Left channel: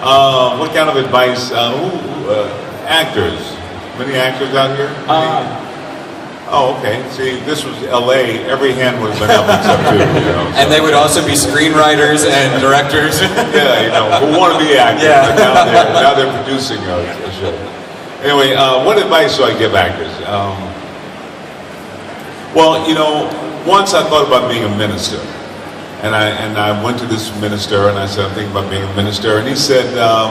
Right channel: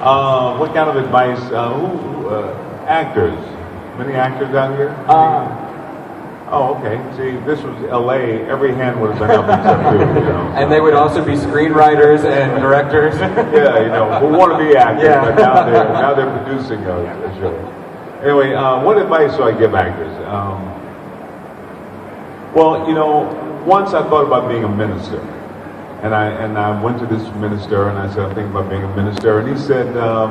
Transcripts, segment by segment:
What kind of advice? Actors. Many actors out here? Oh, okay. See, this was L.A. Every hand would have been up except two. You know, so. And they would also be screenwriters and directors. Yeah, you know, who want to be actors. Yeah. But now they're producing a show. Anyway, what advice do I give actors? Well, you know, once I thought about being a minister. And I went to this minister and I said, I'm thinking about being a minister. And he said, I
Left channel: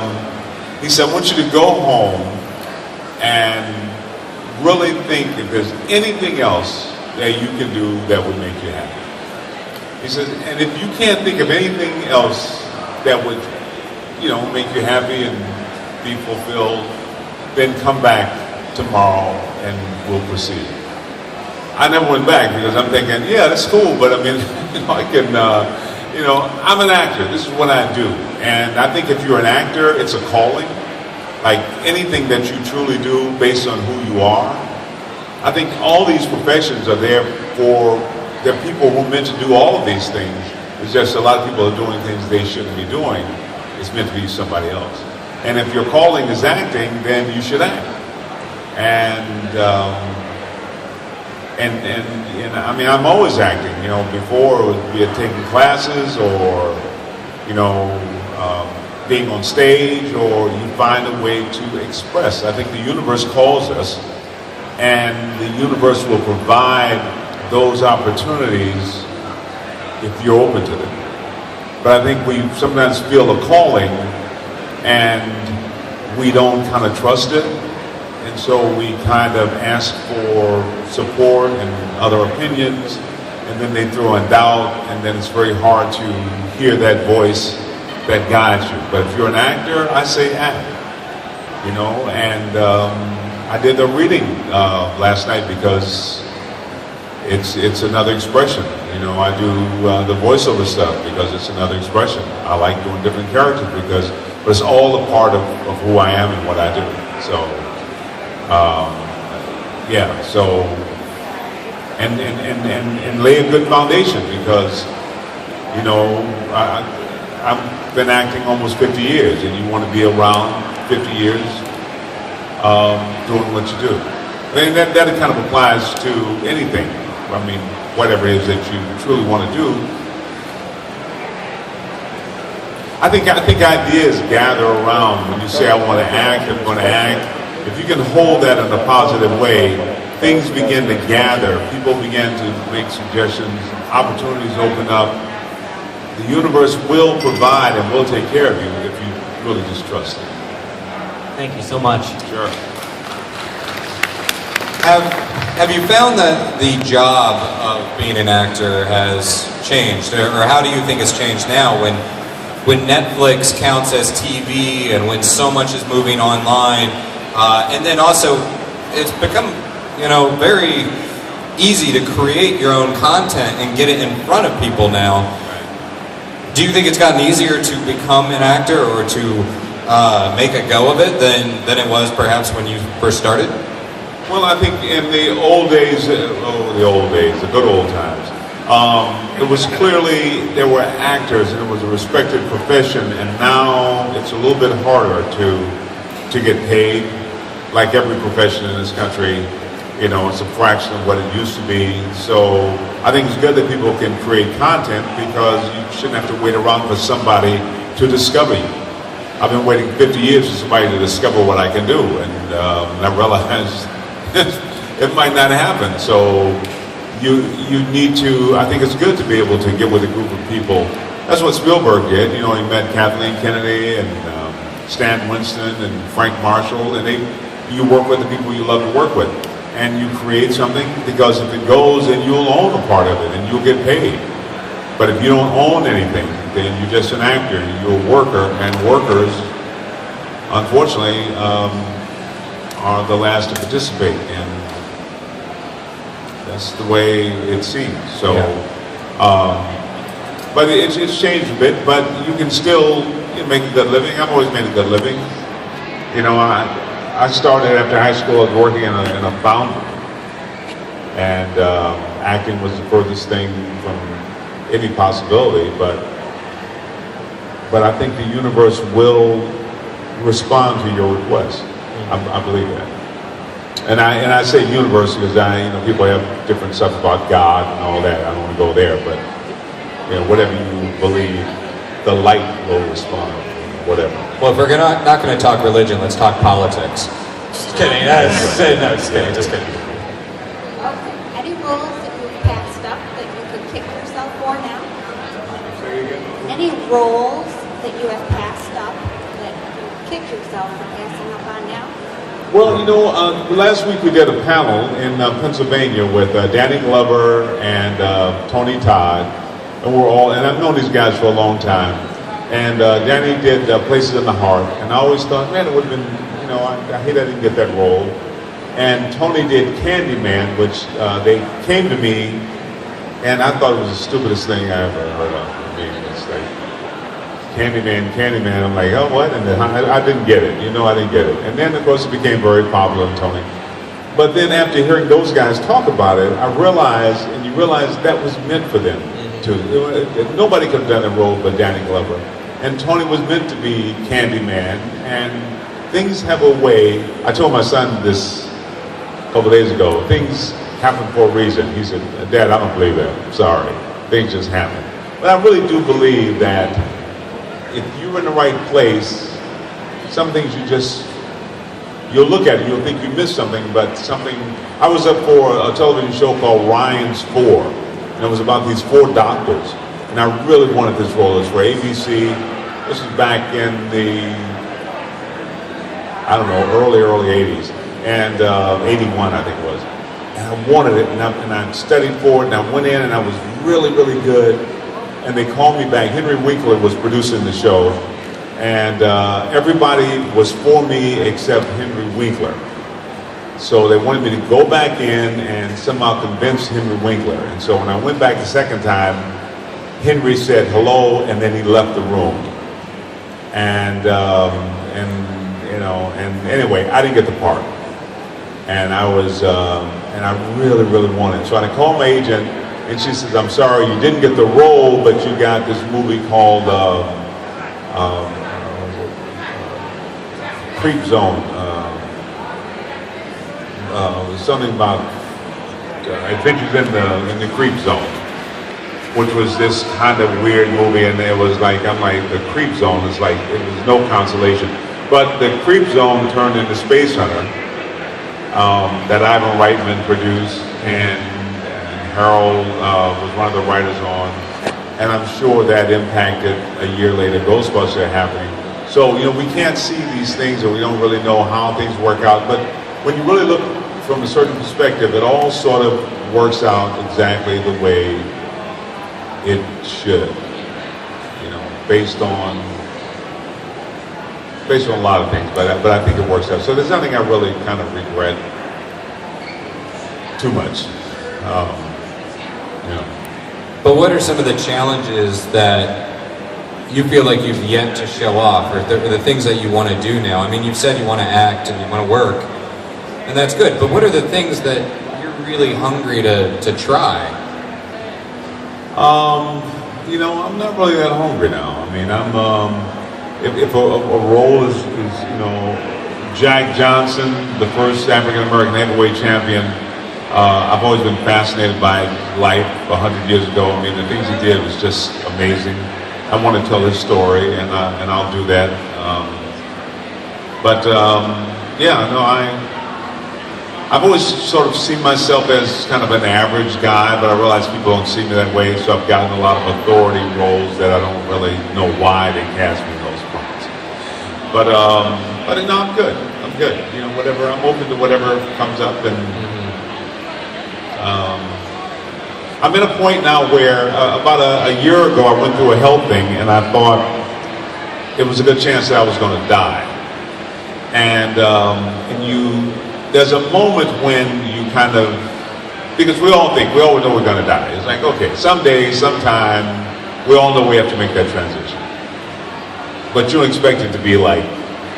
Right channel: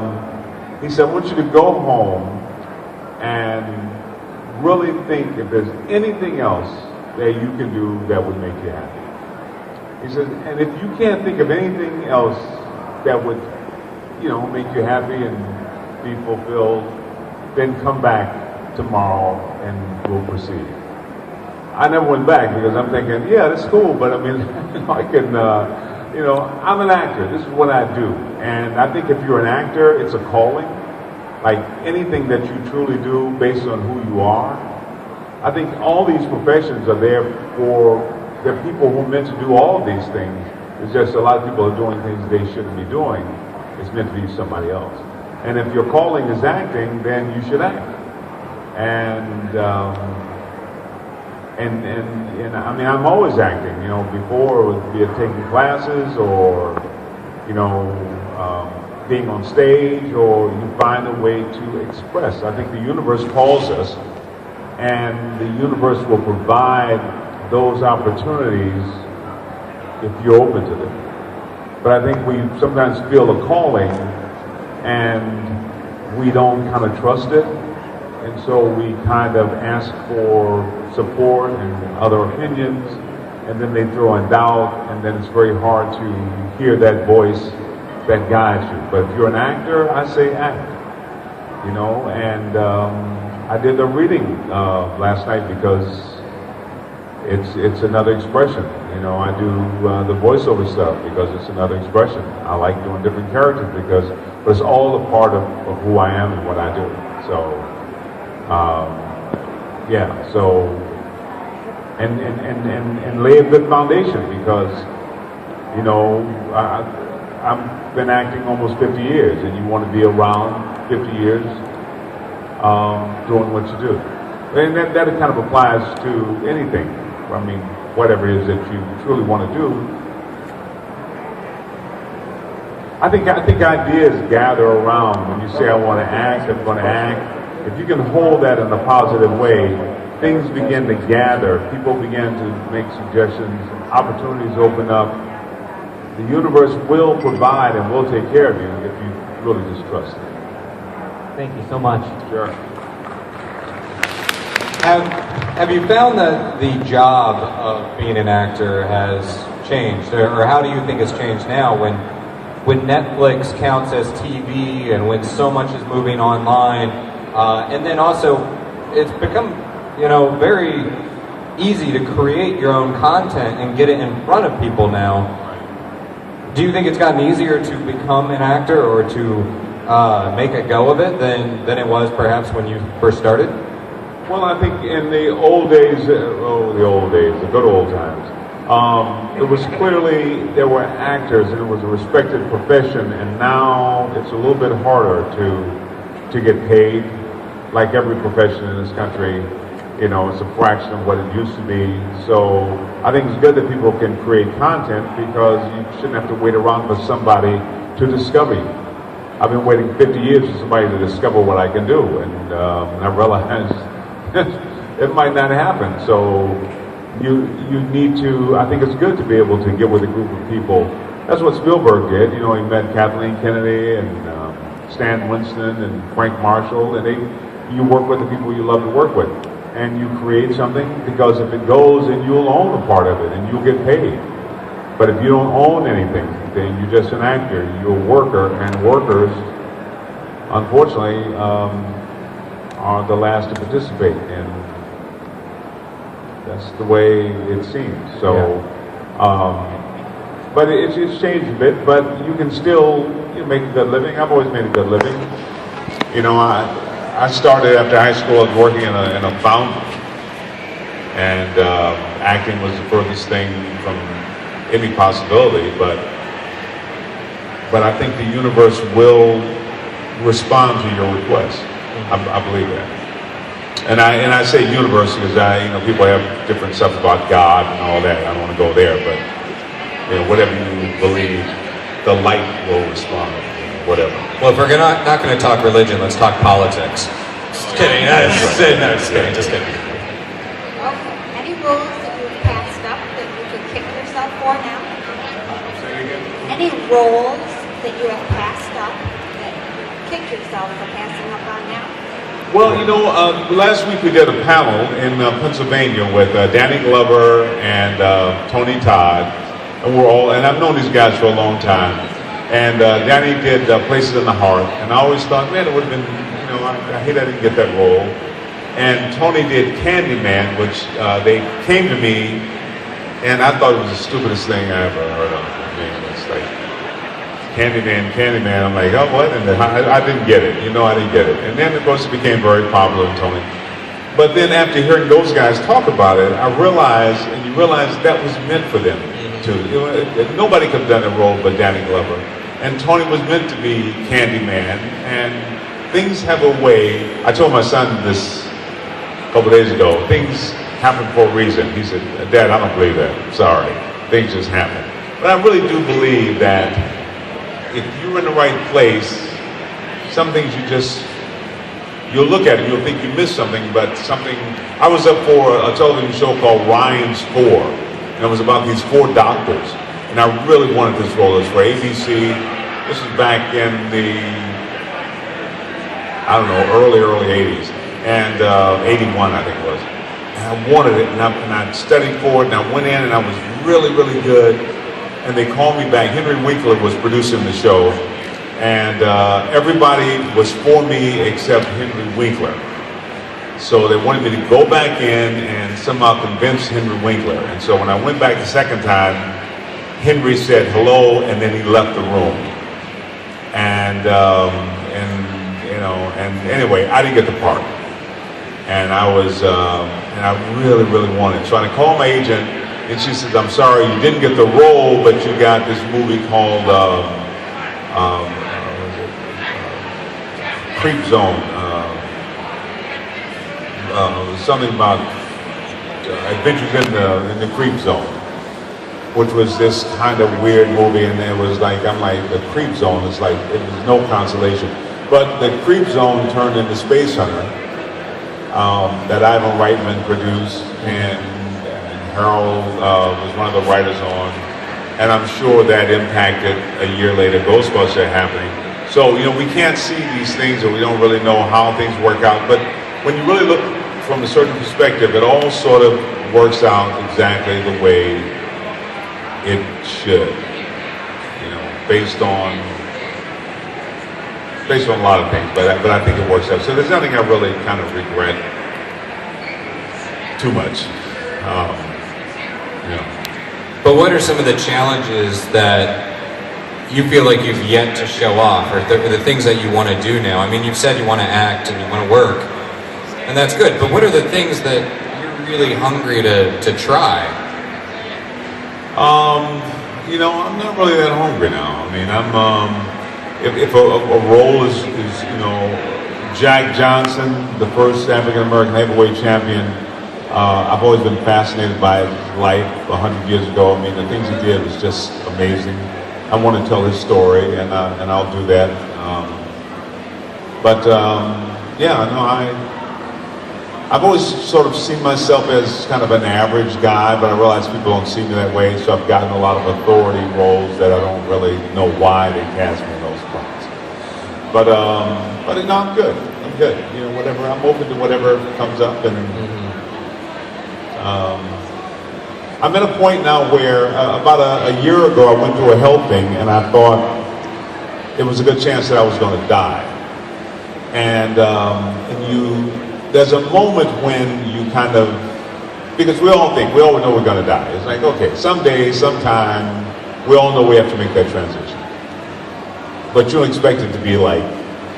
want you to go home and really think if there's anything else that you can do that would make you happy. He says, and if you can't think of anything else that would, you know, make you happy and be fulfilled, then come back tomorrow and we'll proceed. I never went back because I'm thinking, yeah, that's cool, but I mean, I can, you know, I'm an actor. This is what I do. And I think if you're an actor, it's a calling. Like anything that you truly do based on who you are. I think all these professions are there for, there are people who are meant to do all of these things. It's just a lot of people are doing things they shouldn't be doing. It's meant to be somebody else. And if your calling is acting, then you should act. And I mean, I'm always acting, you know, before it would be taking classes or, you know, being on stage, or you find a way to express. I think the universe calls us, and the universe will provide those opportunities if you're open to them. But I think we sometimes feel a calling, and we don't kind of trust it. And so we kind of ask for support and other opinions, and then they throw in doubt, and then it's very hard to hear that voice that guides you. But if you're an actor, I say act, you know. And I did a reading last night because it's another expression. You know, I do the voiceover stuff because it's another expression. I like doing different characters but it's all a part of who I am and what I do. So. Yeah, so, and lay a good foundation because, you know, I've been acting almost 50 years, and you want to be around 50 years doing what you do. And that kind of applies to anything. I mean, whatever it is that you truly want to do. I think ideas gather around when you say, I want to act, I'm going to act. If you can hold that in a positive way, things begin to gather. People begin to make suggestions. Opportunities open up. The universe will provide and will take care of you if you really just trust it. Thank you so much. Sure. Have you found that the job of being an actor has changed? Or how do you think it's changed now when Netflix counts as TV and when so much is moving online? And then also, it's become, you know, very easy to create your own content and get it in front of people now. Do you think it's gotten easier to become an actor or to make a go of it than it was perhaps when you first started? Well, I think in the old days, the good old times, it was clearly there were actors and it was a respected profession, and now it's a little bit harder to get paid. Like every profession in this country, you know, it's a fraction of what it used to be. So I think it's good that people can create content because you shouldn't have to wait around for somebody to discover you. I've been waiting 50 years for somebody to discover what I can do, and I realized it might not happen. So you need to, I think it's good to be able to get with a group of people. That's what Spielberg did. You know, he met Kathleen Kennedy and Stan Winston and Frank Marshall, and you work with the people you love to work with, and you create something, because if it goes, then you'll own a part of it and you'll get paid. But if you don't own anything, then you're just an actor, you're a worker, and workers, unfortunately, are the last to participate, and that's the way it seems. So, but it's changed a bit, but you can still make a good living. I've always made a good living. You know, I started after high school. I was working in a foundry, and acting was the furthest thing from any possibility. But but I think the universe will respond to your request. I believe that. And I say universe because people have different stuff about God and all that. I don't want to go there, but whatever you believe, the light will respond. Whatever. Well, if we're not going to talk religion, let's talk politics. Just kidding. Just kidding. Okay. Any rules that you've passed up that you can kick yourself for now? Any rules that you have passed up that you kick yourself for passing up on now? Well, last week we did a panel in Pennsylvania with Danny Glover and Tony Todd, and I've known these guys for a long time. And Danny did Places in the Heart, and I always thought, man, it would have been, I hate I didn't get that role. And Tony did Candyman, which they came to me, and I thought it was the stupidest thing I ever heard of. I mean, it's like, Candyman, I'm like, oh, what? And I didn't get it, I didn't get it. And then, of course, it became very popular with Tony. But then after hearing those guys talk about it, I realized, and you realize that was meant for them, too. Nobody could have done the role but Danny Glover. And Tony was meant to be Candyman, and things have a way. I told my son this a couple days ago. Things happen for a reason. He said, Dad, I don't believe that. I'm sorry. Things just happen. But I really do believe that if you're in the right place, some things you'll look at it, you'll think you missed something, but something. I was up for a television show called Ryan's 4, and it was about these 4 doctors. And I really wanted this role. It was for ABC. This was back in the, early 80s. And 81, I think it was. And I wanted it, and I studied for it, and I went in, and I was really, really good. And they called me back. Henry Winkler was producing the show. And everybody was for me except Henry Winkler. So they wanted me to go back in and somehow convince Henry Winkler. And so when I went back the second time, Henry said hello, and then he left the room. And anyway, I didn't get the part. And I really, really wanted it. So I called my agent, and she says, I'm sorry, you didn't get the role, but you got this movie called Creep Zone. Something about Adventures in the Creep Zone, which was this kind of weird movie, and it was like, I'm like, the Creep Zone is like, it was no consolation. But the Creep Zone turned into Space Hunter, that Ivan Reitman produced, and Harold was one of the writers on, and I'm sure that impacted a year later Ghostbusters happening. So, we can't see these things, or we don't really know how things work out, but when you really look from a certain perspective, it all sort of works out exactly the way it should, based on a lot of things, but I think it works out. So there's nothing I really kind of regret too much. But what are some of the challenges that you feel like you've yet to show off, or the things that you want to do now? I mean, you've said you want to act and you want to work, and that's good, but what are the things that you're really hungry to try? I'm not really that hungry now. I mean, if a role is Jack Johnson, the first African-American heavyweight champion, I've always been fascinated by life 100 years ago. I mean, the things he did was just amazing. I want to tell his story, and I'll do that. I've always sort of seen myself as kind of an average guy, but I realize people don't see me that way, so I've gotten a lot of authority roles that I don't really know why they cast me in those parts. But no, I'm good. I'm good. Whatever. I'm open to whatever comes up, and I'm at a point now where about a year ago I went through a health thing, and I thought it was a good chance that I was going to die. And there's a moment when you kind of, because we all know we're going to die. It's like, okay, someday, sometime, we all know we have to make that transition. But you don't expect it to be like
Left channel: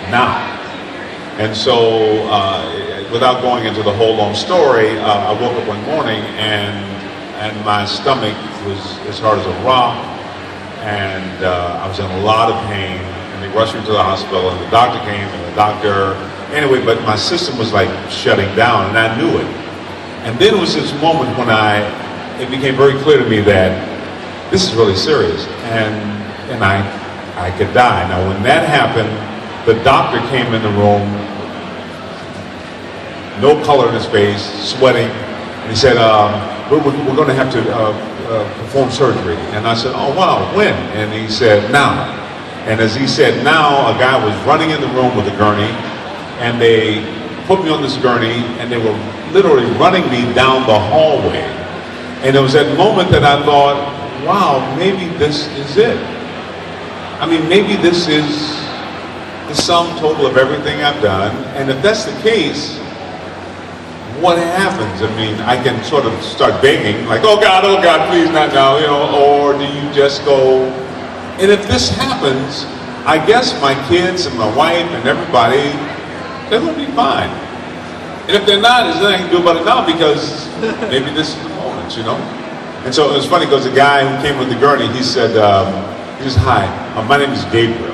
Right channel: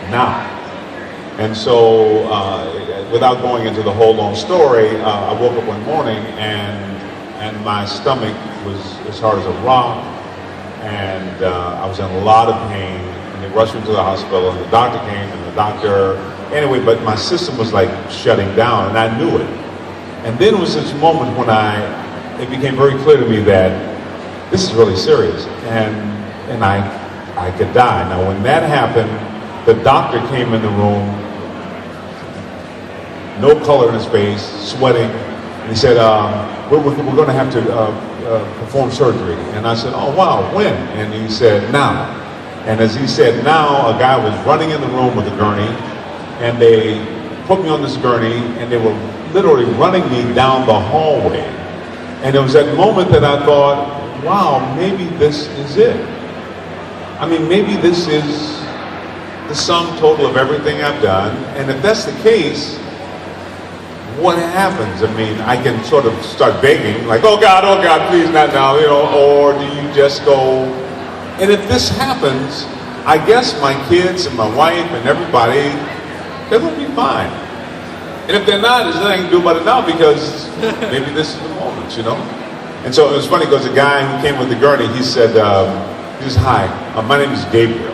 now. And so, without going into the whole long story, I woke up one morning and my stomach was as hard as a rock, and I was in a lot of pain, and they rushed me to the hospital, and the doctor came, and the doctor, anyway, but my system was like shutting down, and I knew it. And then was this moment when it became very clear to me that this is really serious, and I could die. Now, when that happened, the doctor came in the room, no color in his face, sweating, and he said, we're going to have to perform surgery. And I said, oh, wow, when? And he said, now. And as he said, now, a guy was running in the room with a gurney, and they put me on this gurney, and they were literally running me down the hallway. And it was that moment that I thought, wow, maybe this is it. I mean, maybe this is the sum total of everything I've done. And if that's the case, what happens? I mean, I can sort of start begging, like, oh God, please, not now, you know, or do you just go? And if this happens, I guess my kids and my wife and everybody, they will be fine. And if they're not, there's nothing I can do about it now, because maybe this is the moment, you know? And so it was funny, because the guy who came with the gurney, he said, hi, my name is Gabriel.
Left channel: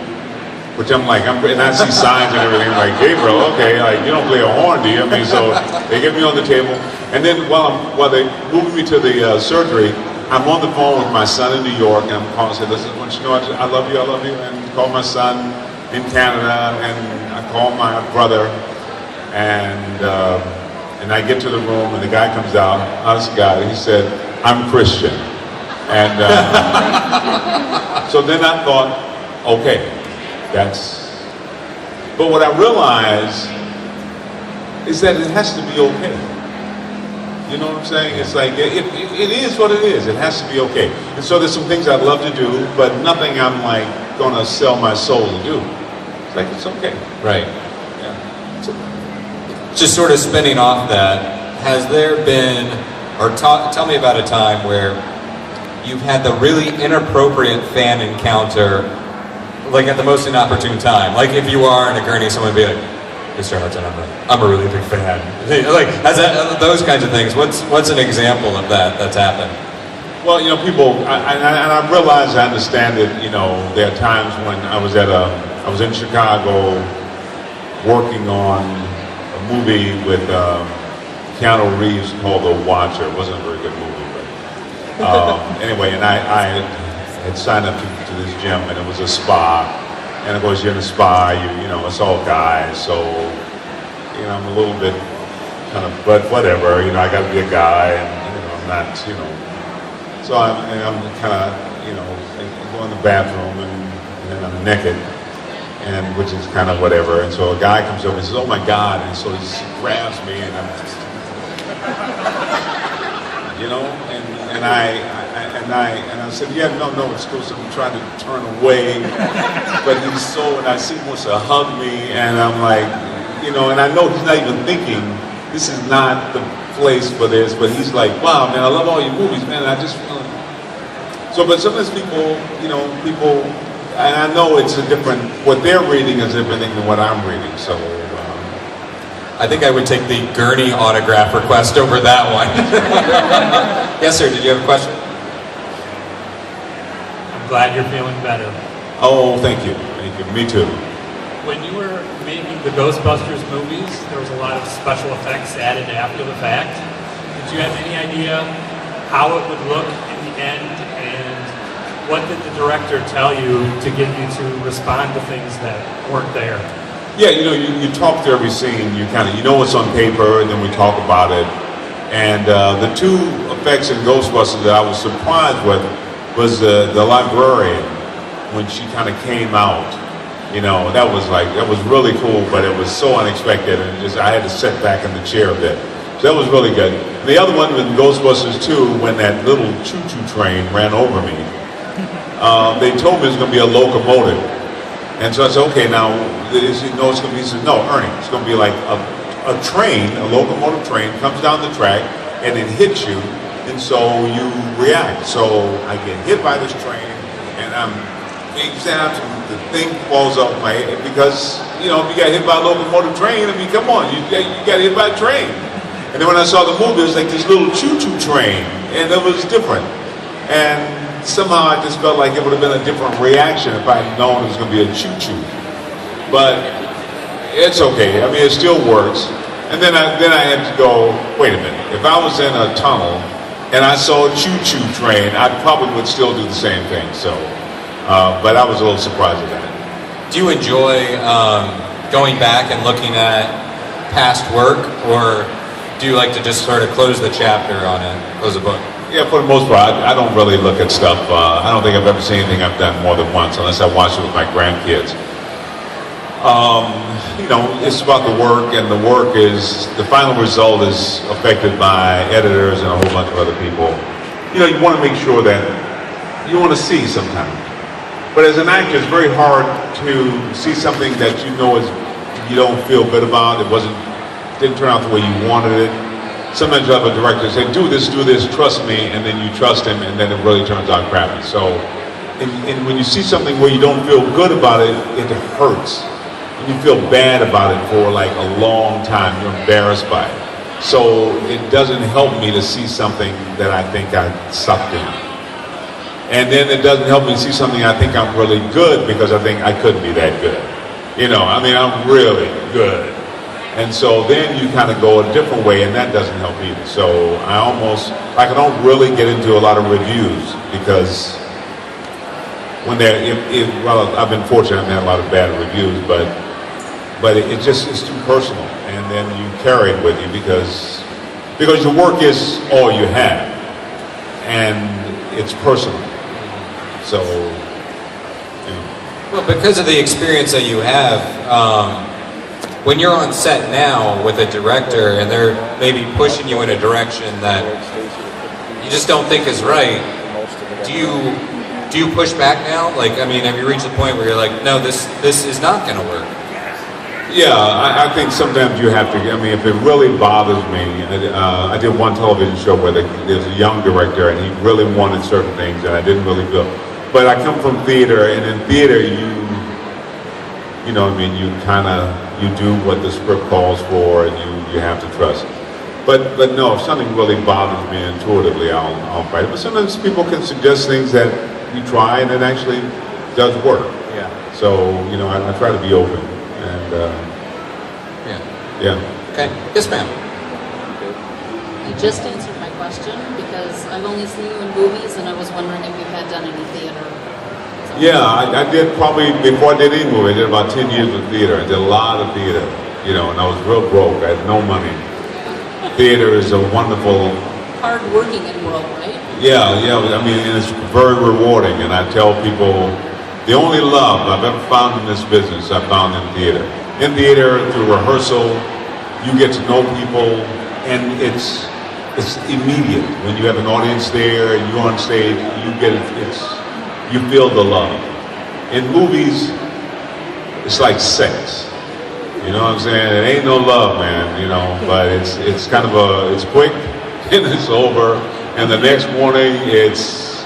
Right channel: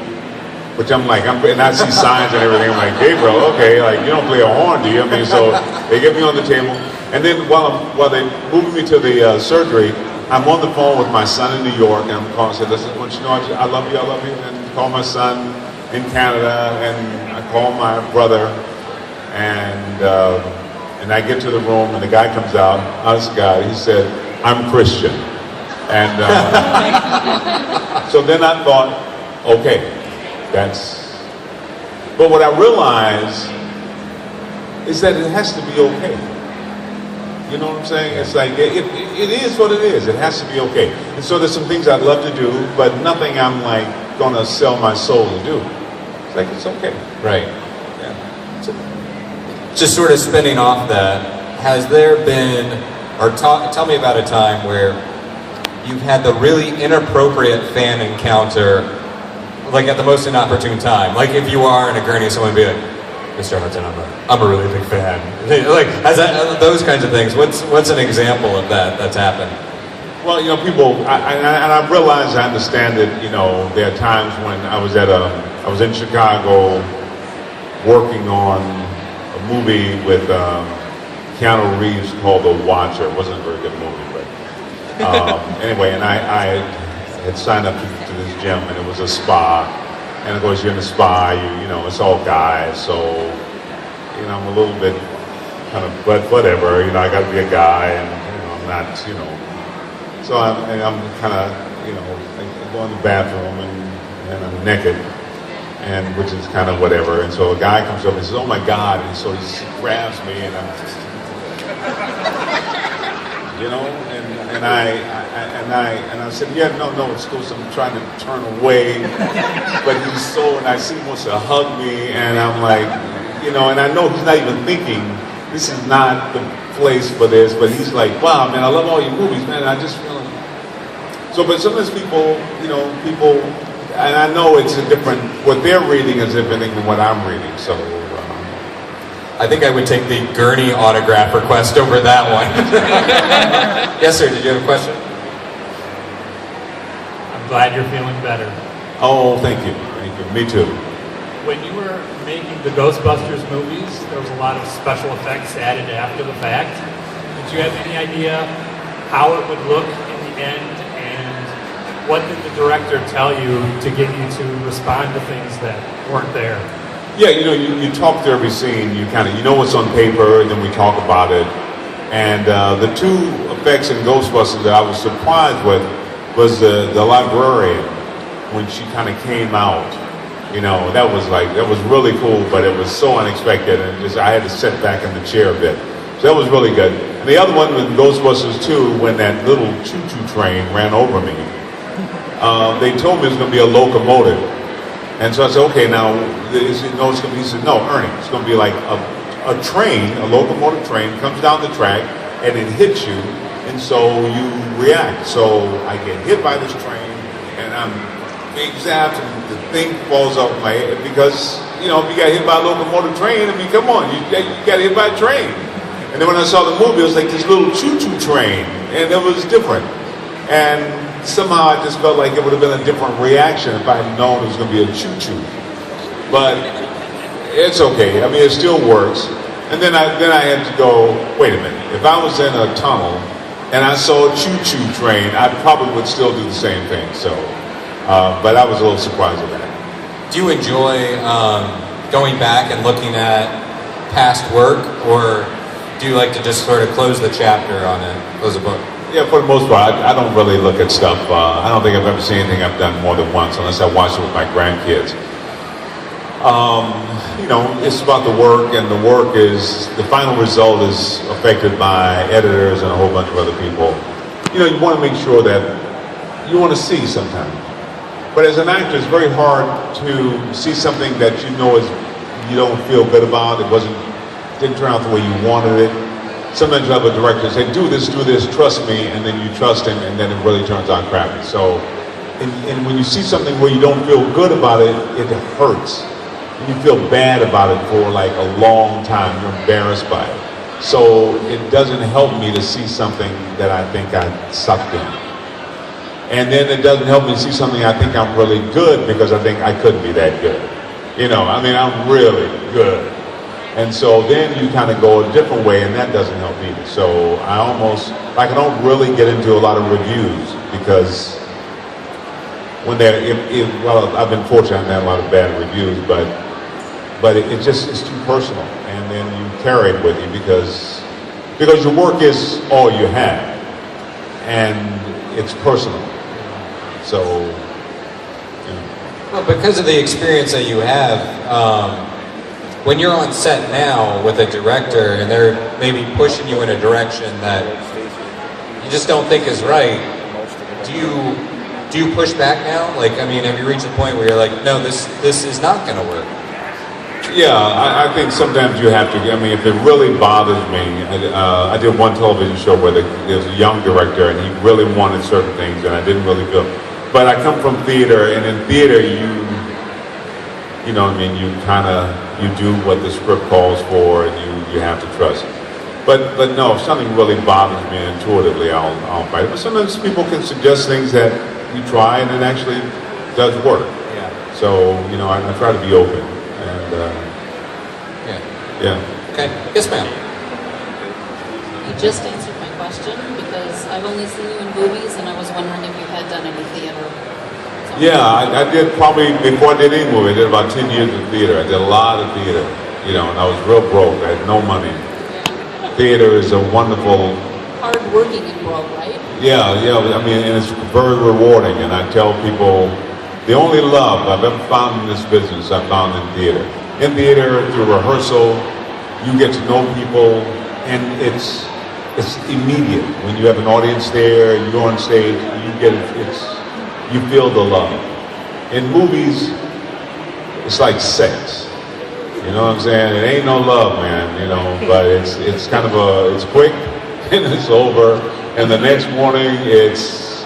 Which I'm like, and I see signs and everything, like, Gabriel, okay, like, you don't play a horn, do you? I mean, so they get me on the table, and then while they moved me to the surgery, I'm on the phone with my son in New York, and I'm calling and say, listen, I want you to know I love you, and call my son in Canada, and I call my brother, and I get to the room, and the guy comes out, honest guy, he said, I'm Christian. And so then I thought, okay, but what I realized is that it has to be okay. You know what I'm saying? It's like, it is what it is. It has to be okay. And so there's some things I'd love to do, but nothing I'm like gonna sell my soul to do. It's like, it's okay. Right. Yeah. It's okay. Just sort of spinning off that, has there been, or tell me about a time where you've had the really inappropriate fan encounter, like at the most inopportune time? Like if you are in a gurney, someone would be like, Mr. Hudson, I'm a really big fan. Like, those kinds of things. What's an example of that that's happened? Well, you know, people, and I realize, I understand that, you know, there are times when I was in Chicago working on a movie with Keanu Reeves called The Watcher. It wasn't a very good movie, but anyway, and I had signed up to this gym, and it was a spa. And of course, you're in a spa, you know, it's all guys, so, you know, I'm a little bit kind of, but whatever, you know, I got to be a guy, and, you know, not, you know. So I'm kind of, you know, going to the bathroom, and I'm naked, and which is kind of whatever. And so a guy comes over and says, oh my God, and so he grabs me, and I'm just, you know, and I said, yeah, no, it's cool. So I'm trying to turn away, but and I see he wants to hug me, and I'm like, you know, and I know he's not even thinking, this is not the place for this, but he's like, wow, man, I love all your movies, man, and I just feel so, but sometimes people, and I know it's a different, what they're reading is different than what I'm reading, so. I think I would take the gurney autograph request over that one. Yes, sir, did you have a question? I'm glad you're feeling better. Oh, thank you, me too. When you were making the Ghostbusters movies, there was a lot of special effects added after the fact. Did you have any idea how it would look in the end, and what did the director tell you to get you to respond to things that weren't there? Yeah, you know, you talk through every scene, you know what's on paper, and then we talk about it. And the two effects in Ghostbusters that I was surprised with was the librarian, when she kind of came out. You know, that was really cool, but it was so unexpected, and I had to sit back in the chair a bit. So that was really good. The other one was Ghostbusters 2, when that little choo-choo train ran over me. They told me it was going to be a locomotive. And so I said, okay, now, he said, no, Ernie, it's going to be like a train, a locomotive train, comes down the track, and it hits you, and so you react. So I get hit by this train, and I'm zapped, and the thing falls off my head, because, you know, if you got hit by a locomotive train, I mean, come on, you got hit by a train. And then when I saw the movie, it was like this little choo-choo train, and it was different. And somehow I just felt like it would have been a different reaction if I had known it was going to be a choo-choo. But it's okay. I mean, it still works. And then I had to go, wait a minute. If I was in a tunnel and I saw a choo-choo train, I probably would still do the same thing. So, but I was a little surprised at that. Do you enjoy going back and looking at past work, or do you like to just sort of close the chapter on it, close the book? Yeah, for the most part, I don't really look at stuff. I don't think I've ever seen anything I've done more than once, unless I watch it with my grandkids. You know, it's about the work, and the work is, the final result is affected by editors and a whole bunch of other people. You know, you want to make sure that you want to see sometimes. But as an actor, it's very hard to see something that you know is, you don't feel good about. Didn't turn out the way you wanted it. Sometimes you have a director say, do this, trust me, and then you trust him, and then it really turns out crappy. So, and when you see something where you don't feel good about it, it hurts. And you feel bad about it for like a long time. You're embarrassed by it. So it doesn't help me to see something that I think I sucked in. And then it doesn't help me see something I think I'm really good, because I think I couldn't be that good. You know, I mean, I'm really good. And so then you kind of go a different way, and that doesn't help either. So I don't really get into a lot of reviews, because when well, I've been fortunate, I've had a lot of bad reviews, but it's too personal, and then you carry it with you because your work is all you have, and it's personal. So, yeah. Well, because of the experience that you have, when you're on set now with a director and they're maybe pushing you in a direction that you just don't think is right, do you push back now? Like, I mean, have you reached the point where you're like, no, this is not going to work? Yeah, I think sometimes you have to. I mean, if it really bothers me, I did one television show where there was a young director, and he really wanted certain things, and I didn't really feel. But I come from theater, and in theater, you know what I mean, you do what the script calls for, and you have to trust it. But no, if something really bothers me intuitively, I'll fight it. But sometimes people can suggest things that you try, and it actually does work. Yeah. So, you know, I try to be open. And, yeah. Okay. Yes, ma'am. You just answered my question, because I've only seen you in movies, and I was wondering if you had done any theater. Yeah, I did probably, before I did any movie, I did about 10 years of theater. I did a lot of theater, you know, and I was real broke. I had no money. Theater is a wonderful... Hard working and broke, right? Yeah, I mean, and it's very rewarding, and I tell people, the only love I've ever found in this business, I've found in theater. In theater, through rehearsal, you get to know people, and it's immediate. When you have an audience there, and you're on stage, you feel the love. In movies, it's like sex. You know what I'm saying? It ain't no love, man, you know, but it's kind of it's quick, and it's over, and the next morning it's,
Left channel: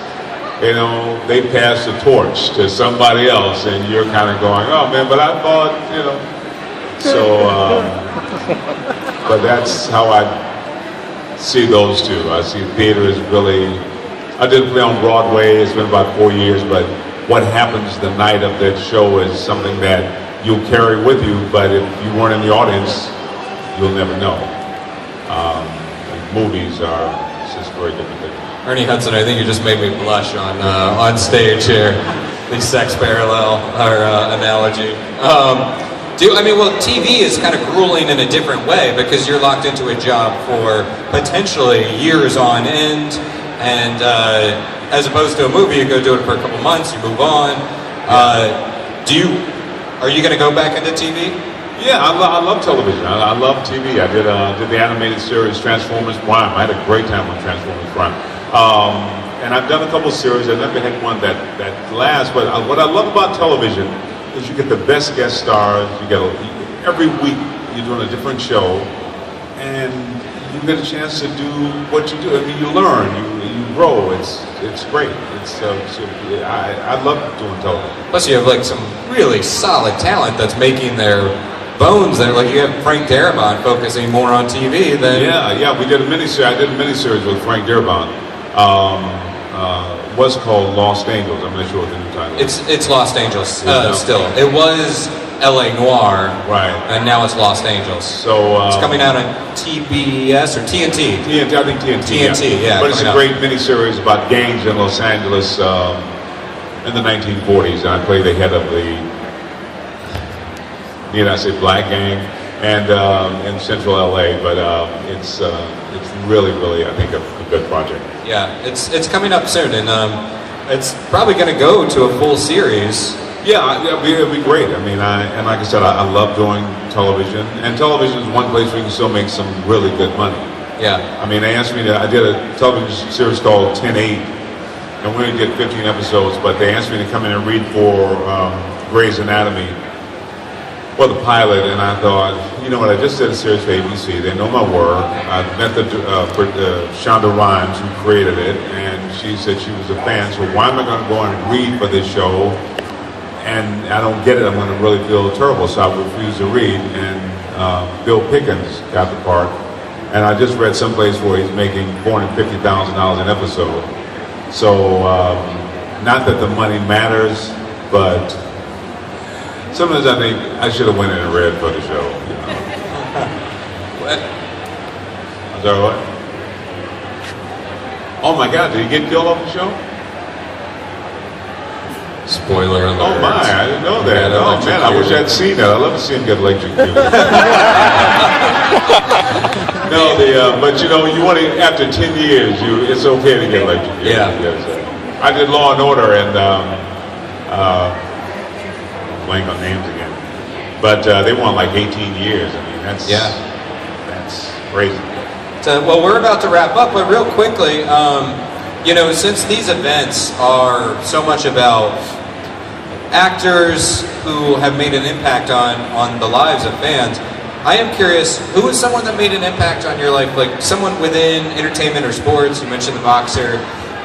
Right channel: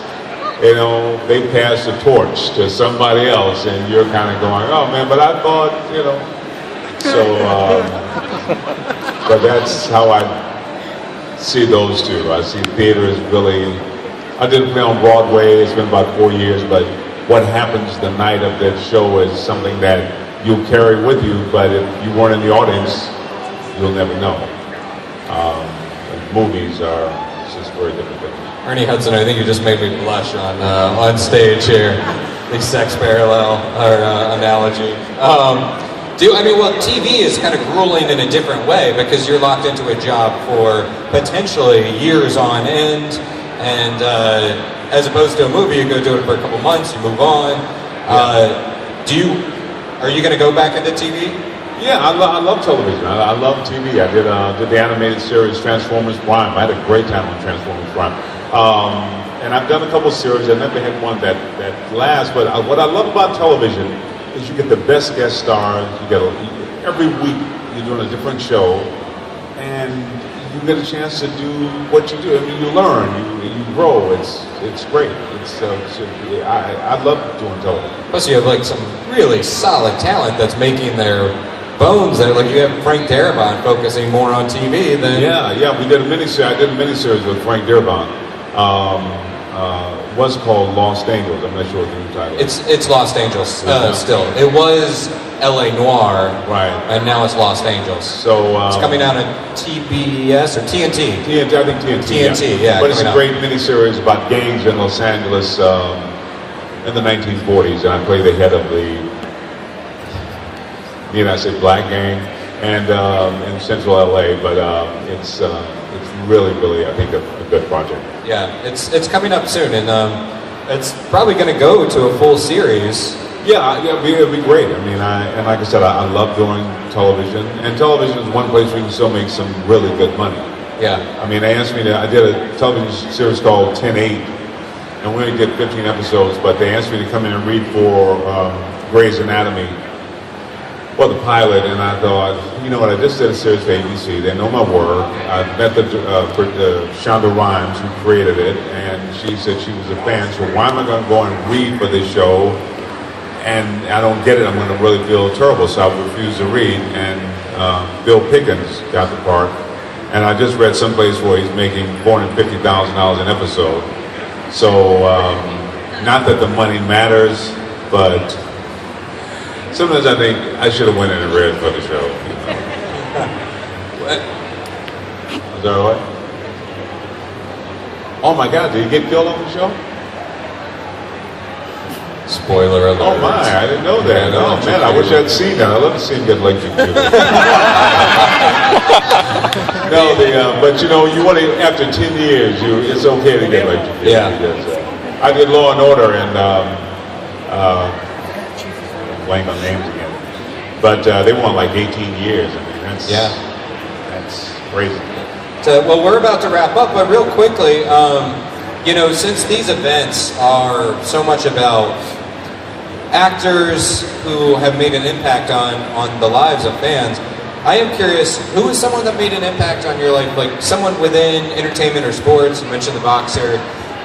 you know, they pass the torch to somebody else, and you're kind of going, oh man, but I thought, you know. So, but that's how I see those two. I see theater as really, I did play on Broadway, it's been about 4 years, but what happens the night of that show is something that you'll carry with you, but if you weren't in the audience, you'll never know. Movies are just very different things. Ernie Hudson, I think you just made me blush on stage here. The sex parallel or analogy. TV is kind of grueling in a different way, because you're locked into a job for potentially years on end, and as opposed to a movie, you go do it for a couple months, you move on. Are you going to go back into TV? Yeah, I love television. I love TV. I did the animated series Transformers Prime. I had a great time with Transformers Prime. And I've done a couple series. I never had one that lasts. But what I love about television is you get the best guest stars. You get every week you're doing a different show, and you get a chance to do what you do. I mean, you learn, you grow. It's great. I love doing television. Plus, you have like some really solid talent that's making their bones there. Like you have Frank Darabont focusing more on TV than... Yeah, we did a miniseries. I did a miniseries with Frank Darabont. was called Lost Angels. I'm not sure what the new title is. It's Los Angeles It's still. It was L.A. Noir, Right. and now it's Los Angeles. So It's coming out on TBS or TNT. TNT, I think TNT. TNT, yeah, But it's a coming great miniseries about gangs in Los Angeles in the 1940s, and I play the head of the, I say black gang, and in Central LA. But it's really, really, I think, a good project. Yeah, it's coming up soon, and it's probably going to go to a full series. Yeah, it'd be great. I mean, and like I said, I love doing television, and television is one place where you can still make some really good money. Yeah. I mean, they asked me I did a television series called 10/8, and we only did 15 episodes, but they asked me to come in and read for Grey's Anatomy, well, the pilot, and I thought, you know what, I just did a series for ABC, they know my work. I met Shonda Rhimes, who created it, and she said she was a fan, so why am I going to go and read for this show? And I don't get it, I'm going to really feel terrible, so I refused to read, and Bill Pickens got the part, and I just read someplace where he's making $450,000 an episode. So, not that the money matters, but sometimes I think I should have went in and read for the show. Is that what? Oh my God, did he get killed on the show? Spoiler alert. Oh my, I didn't know that. Yeah, Oh man, I wish I'd seen that. I'd love to see him get electrocuted. No, but you want to, after 10 years, it's okay to get electrocuted. Yeah. Because, I did Law and Order and blank on names again. But they want like 18 years. I mean, that's crazy. So, well, we're about to wrap up, but real quickly, since these events are so much about actors who have made an impact on the lives of fans, I am curious, who is someone that made an impact on your life? Like someone within entertainment or sports, you mentioned the boxer,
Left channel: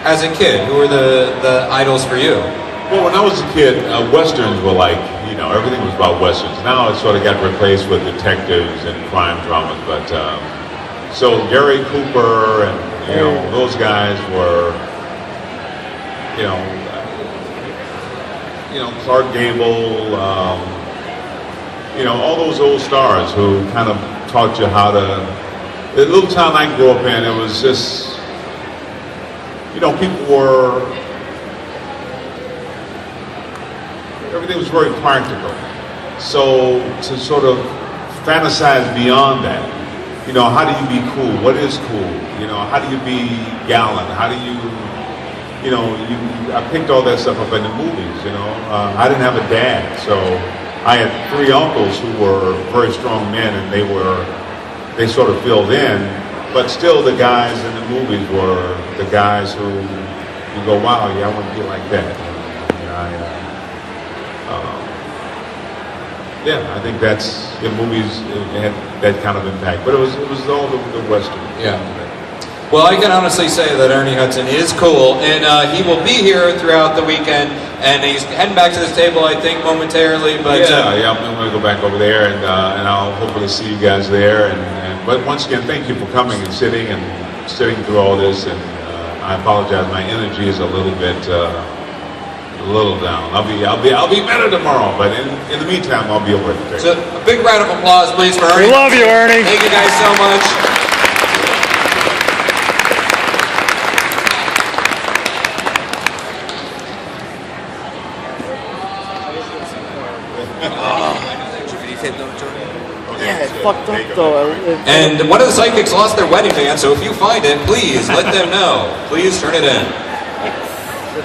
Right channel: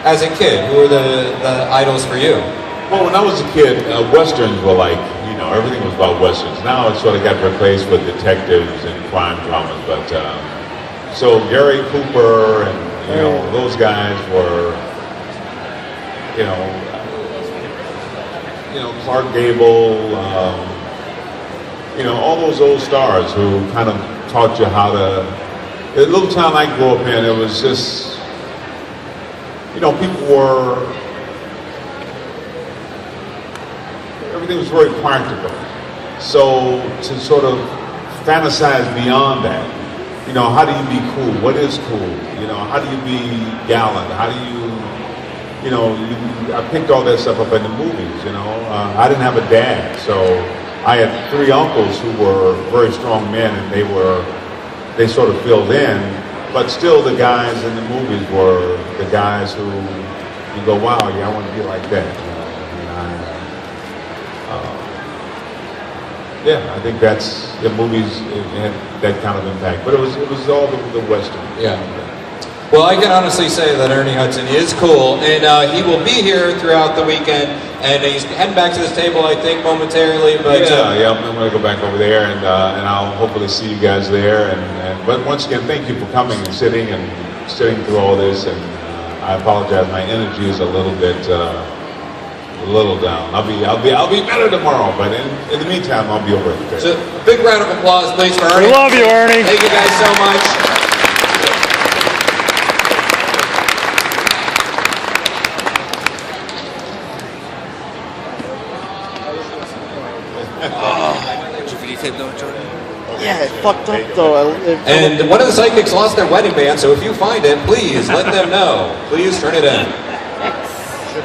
as a kid, who were the idols for you? Well, when I was a kid, Westerns were like, everything was about Westerns. Now it sort of got replaced with detectives and crime dramas. But so Gary Cooper and those guys were, Clark Gable, all those old stars who kind of taught you how to. The little town I grew up in, it was just, people were. Everything was very practical. So to sort of fantasize beyond that, how do you be cool? What is cool? How do you be gallant? How do you, I picked all that stuff up in the movies, I didn't have a dad, so I had 3 uncles who were very strong men, and they sort of filled in, but still the guys in the movies were the guys who you go, wow, yeah, I want to be like that. Yeah, I think that's the movies had that kind of impact, but it was all the Western. Yeah. Well, I can honestly say that Ernie Hudson is cool, and he will be here throughout the weekend, and he's heading back to this table, I think, momentarily. But yeah, I'm going to go back over there, and I'll hopefully see you guys there. But once again, thank you for coming and sitting through all this. And I apologize, my energy is a little bit. A little down. I'll be better tomorrow, but in the meantime, I'll be over it. So a big round of applause, please, for Ernie. We love you, Ernie. Thank you guys so much. Yeah, it fucked up though. And one of the psychics lost their wedding band, so if you find it, please let them know. Please turn it in.